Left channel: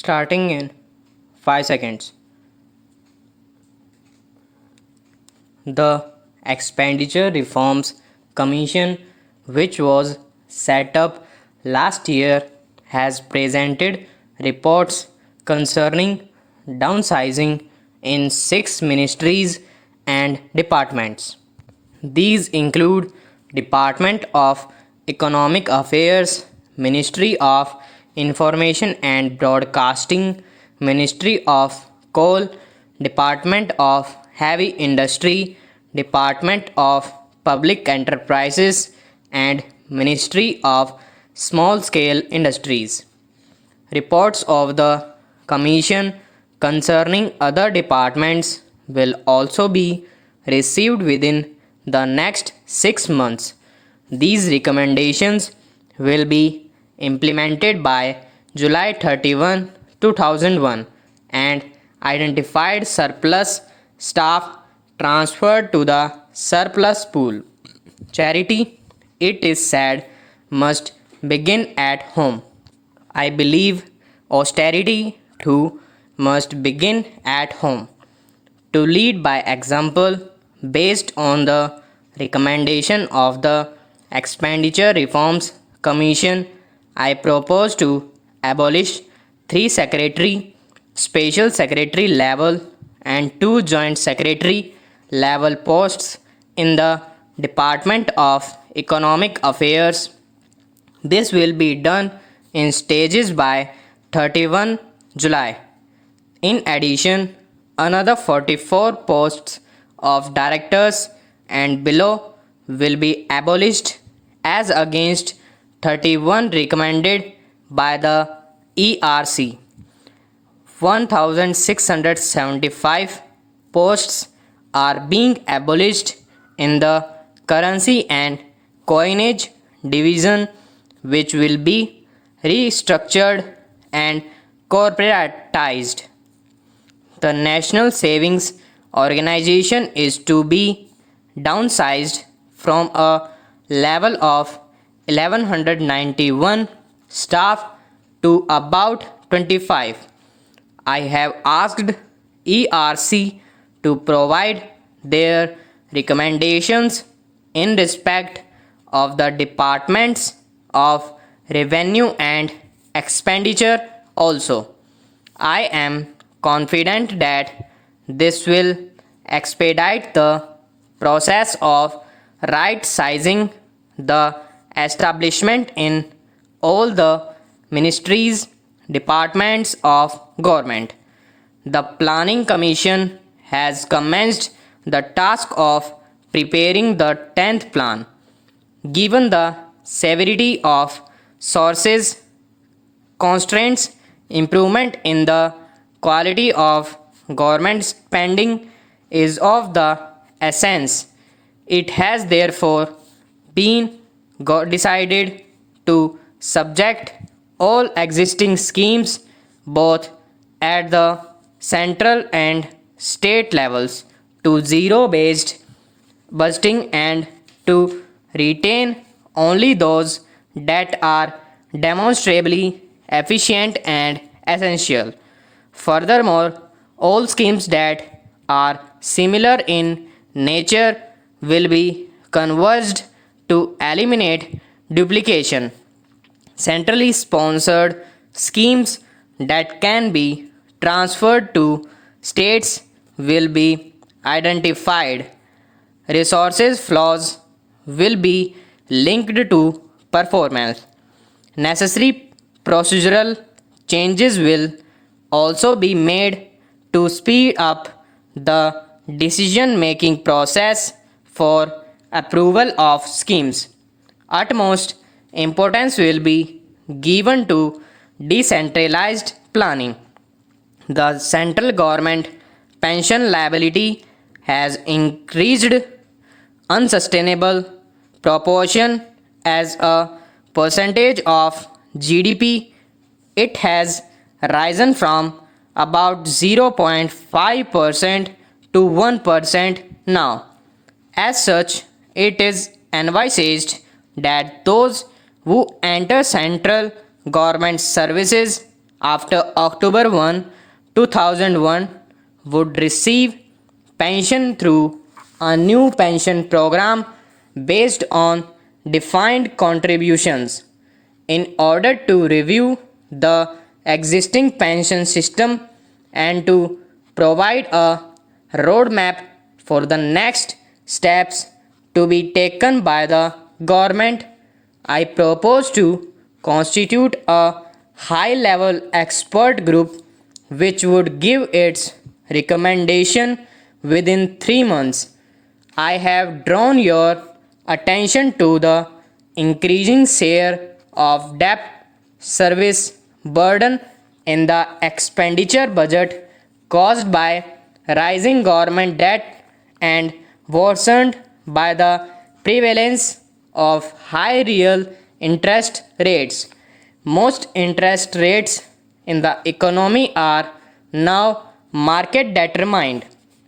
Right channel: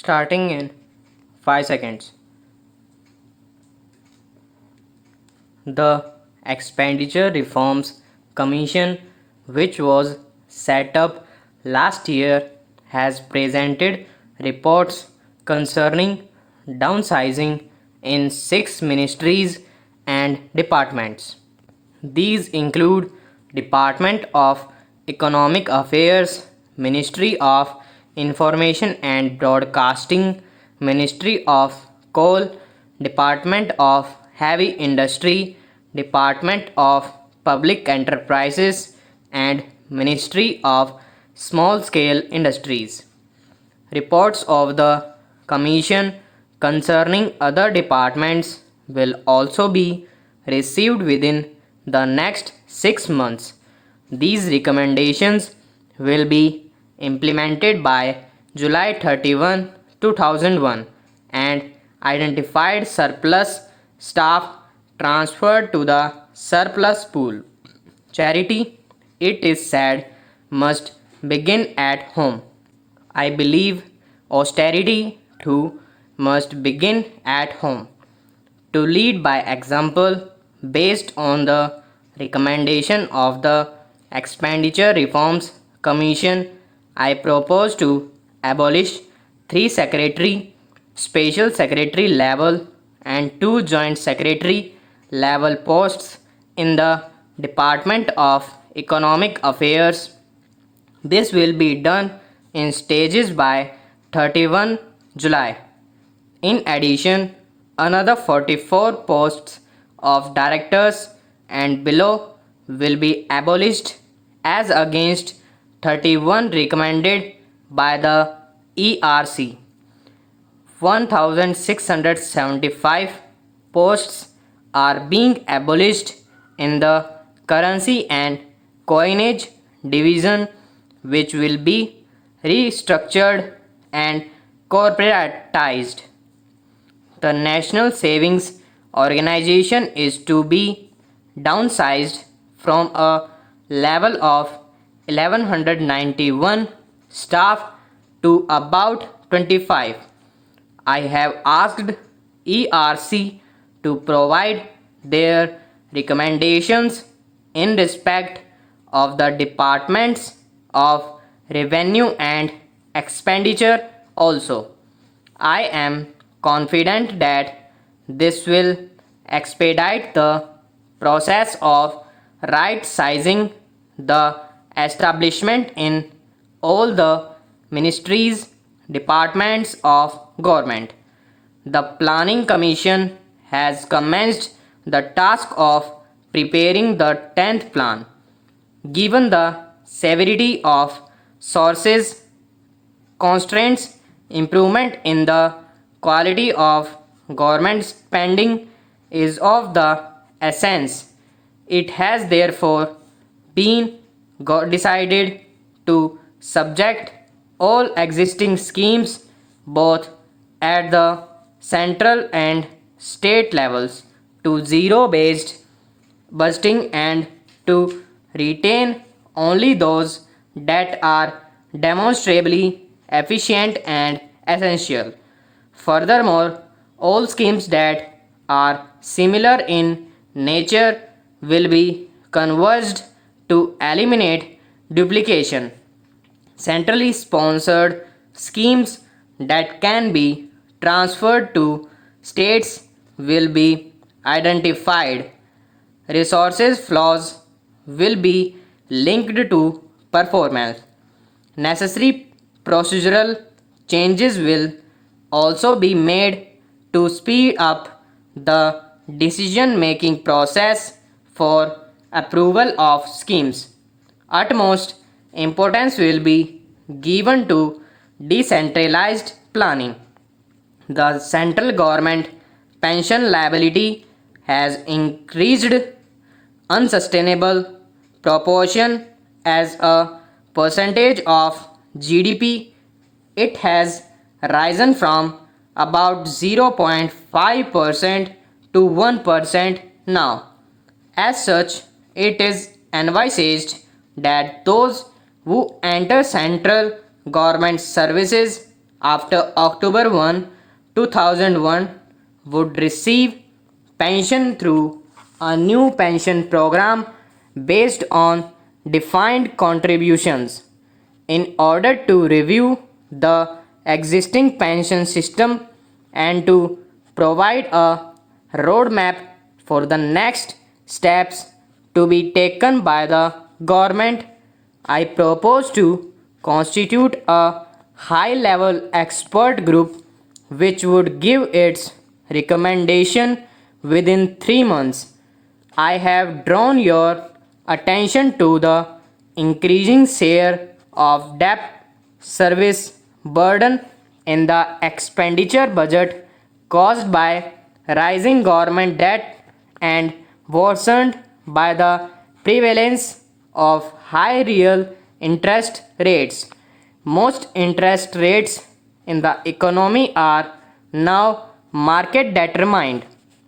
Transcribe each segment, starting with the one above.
starting in 5 seconds. The Expenditure Reforms Commission, which was set up last year, has presented reports concerning downsizing in 6 ministries and departments. These include Department of Economic Affairs, Ministry of Information and Broadcasting, Ministry of Coal, Department of Heavy Industry, Department of Public Enterprises, and Ministry of Small Scale Industries. Reports of the Commission concerning other departments will also be received within the next 6 months. These recommendations will be implemented by July 31, 2001, and identified surplus staff transferred to the surplus pool. Charity, it is said, must begin at home. I believe austerity too must begin at home. To lead by example, based on the recommendation of the Expenditure Reforms Commission, I propose to abolish 3 secretary, special secretary level, and 2 joint secretary level posts in the Department of Economic Affairs. This will be done in stages by 31 July. In addition, another 44 posts of directors and below will be abolished as against 31 recommended by the ERC. 1675 posts are being abolished in the currency and coinage division, which will be restructured and corporatized. The National Savings Organization is to be downsized from a level of 1191 staff to about 25. I have asked ERC to provide their recommendations in respect of the departments of revenue and expenditure also. I am confident that this will expedite the process of right sizing the establishment in all the ministries, departments of government. The Planning Commission has commenced the task of preparing the 10th plan. Given the severity of sources constraints, improvement in the quality of government spending is of the essence. It has therefore been decided to subject all existing schemes, both at the central and state levels, to zero based budgeting and to retain only those that are demonstrably efficient and essential. Furthermore, all schemes that are similar in nature will be converged to eliminate duplication. Centrally sponsored schemes that can be transferred to states will be identified. Resources flaws will be linked to performance. Necessary procedural changes will also be made to speed up the decision making process for approval of schemes. Utmost importance will be given to decentralized planning. The central government pension liability has increased unsustainable proportion as a percentage of GDP. It has risen from about 0.5% to 1% now. As such, it is envisaged that those who enter central government services after October 1, 2001 would receive pension through a new pension program based on defined contributions. In order to review the existing pension system and to provide a roadmap for the next steps to be taken by the government, I propose to constitute a high level expert group which would give its recommendation within 3 months. I have drawn your attention to the increasing share of debt service burden in the expenditure budget caused by rising government debt and worsened by the prevalence of high real interest rates. Most interest rates in the economy are now market determined,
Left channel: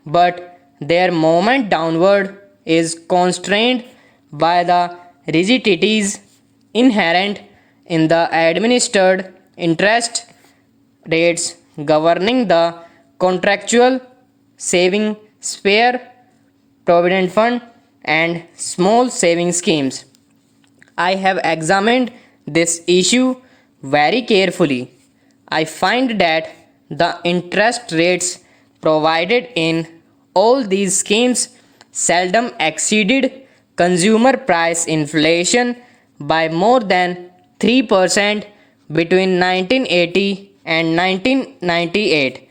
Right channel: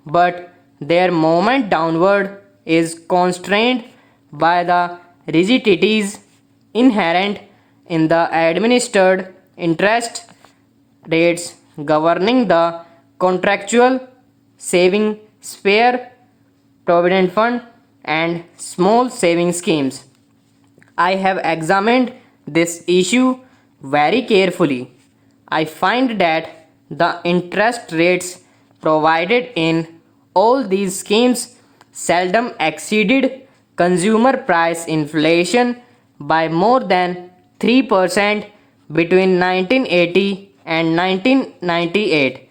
but their movement downward is constrained by the rigidities inherent in the administered interest rates governing the contractual saving spare provident fund and small saving schemes. I have examined this issue very carefully. I find that the interest rates provided in all these schemes seldom exceeded consumer price inflation by more than 3% between 1980 and 1998.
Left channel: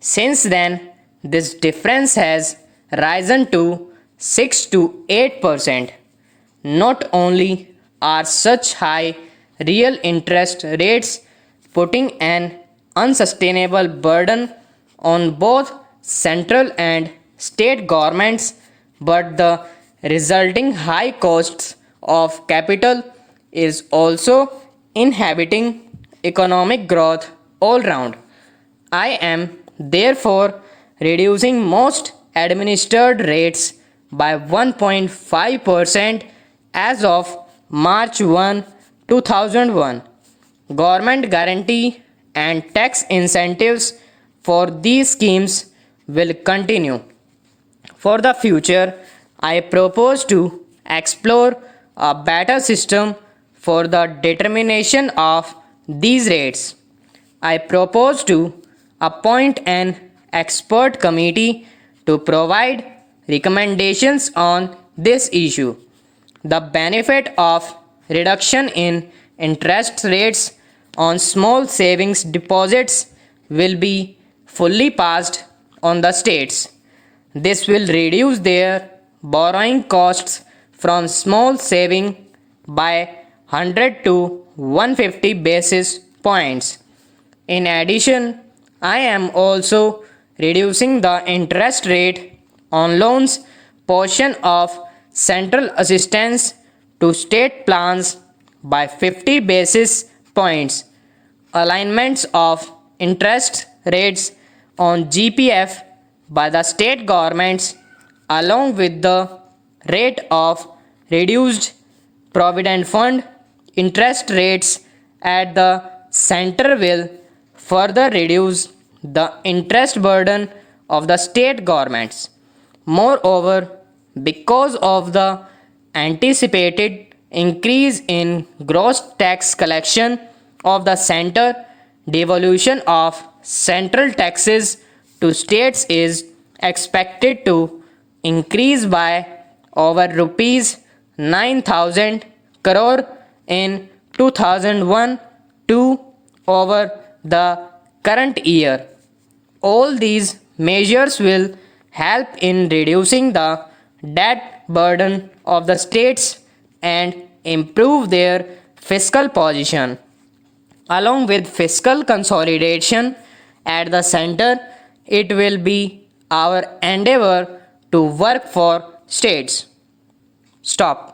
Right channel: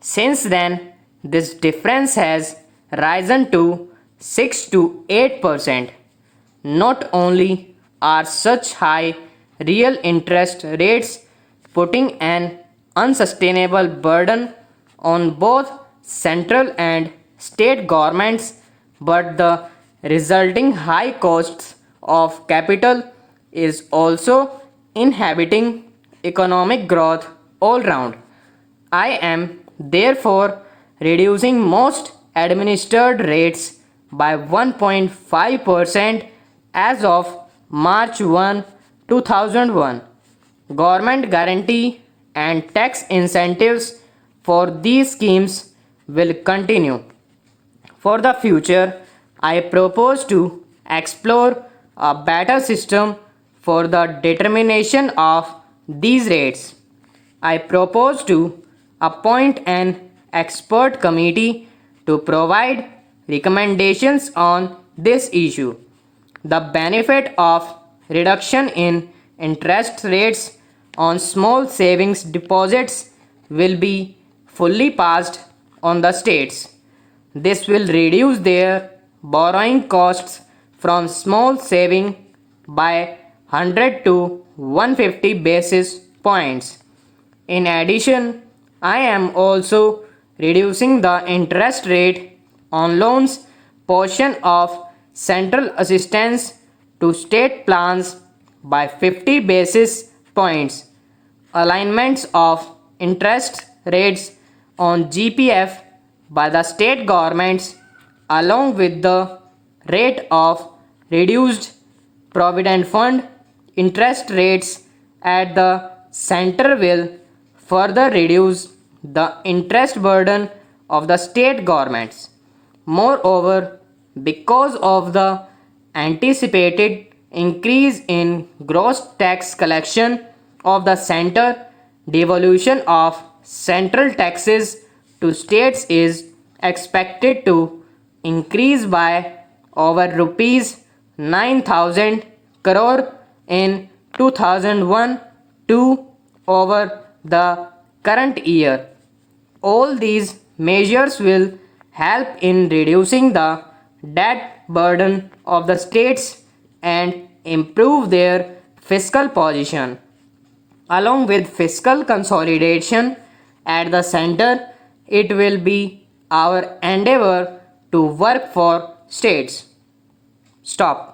Since then, this difference has risen to 6 to 8%. Not only are such high real interest rates putting an unsustainable burden on both central and state governments, but the resulting high costs of capital is also inhibiting economic growth all round. I am therefore reducing most administered rates by 1.5% as of March 1, 2001. Government guarantee and tax incentives for these schemes will continue. For the future, I propose to explore a better system for the determination of these rates. I propose to appoint an expert committee to provide recommendations on this issue. The benefit of reduction in interest rates on small savings deposits will be fully passed on the states. This will reduce their borrowing costs from small saving by 100 to 150 basis points. In addition, I am also reducing the interest rate on loans portion of central assistance to state plans by 50 basis points. Alignments of interest rates on GPF by the state governments along with the rate of reduced provident fund interest rates at the center will further reduce the interest burden of the state governments. Moreover, because of the anticipated increase in gross tax collection of the center, devolution of central taxes to states is expected to increase by over rupees 9,000 crore in 2001 to over the current year. All these measures will help in reducing the debt burden of the states and improve their fiscal position. Along with fiscal consolidation at the center, it will be our endeavor to work for states. Stop.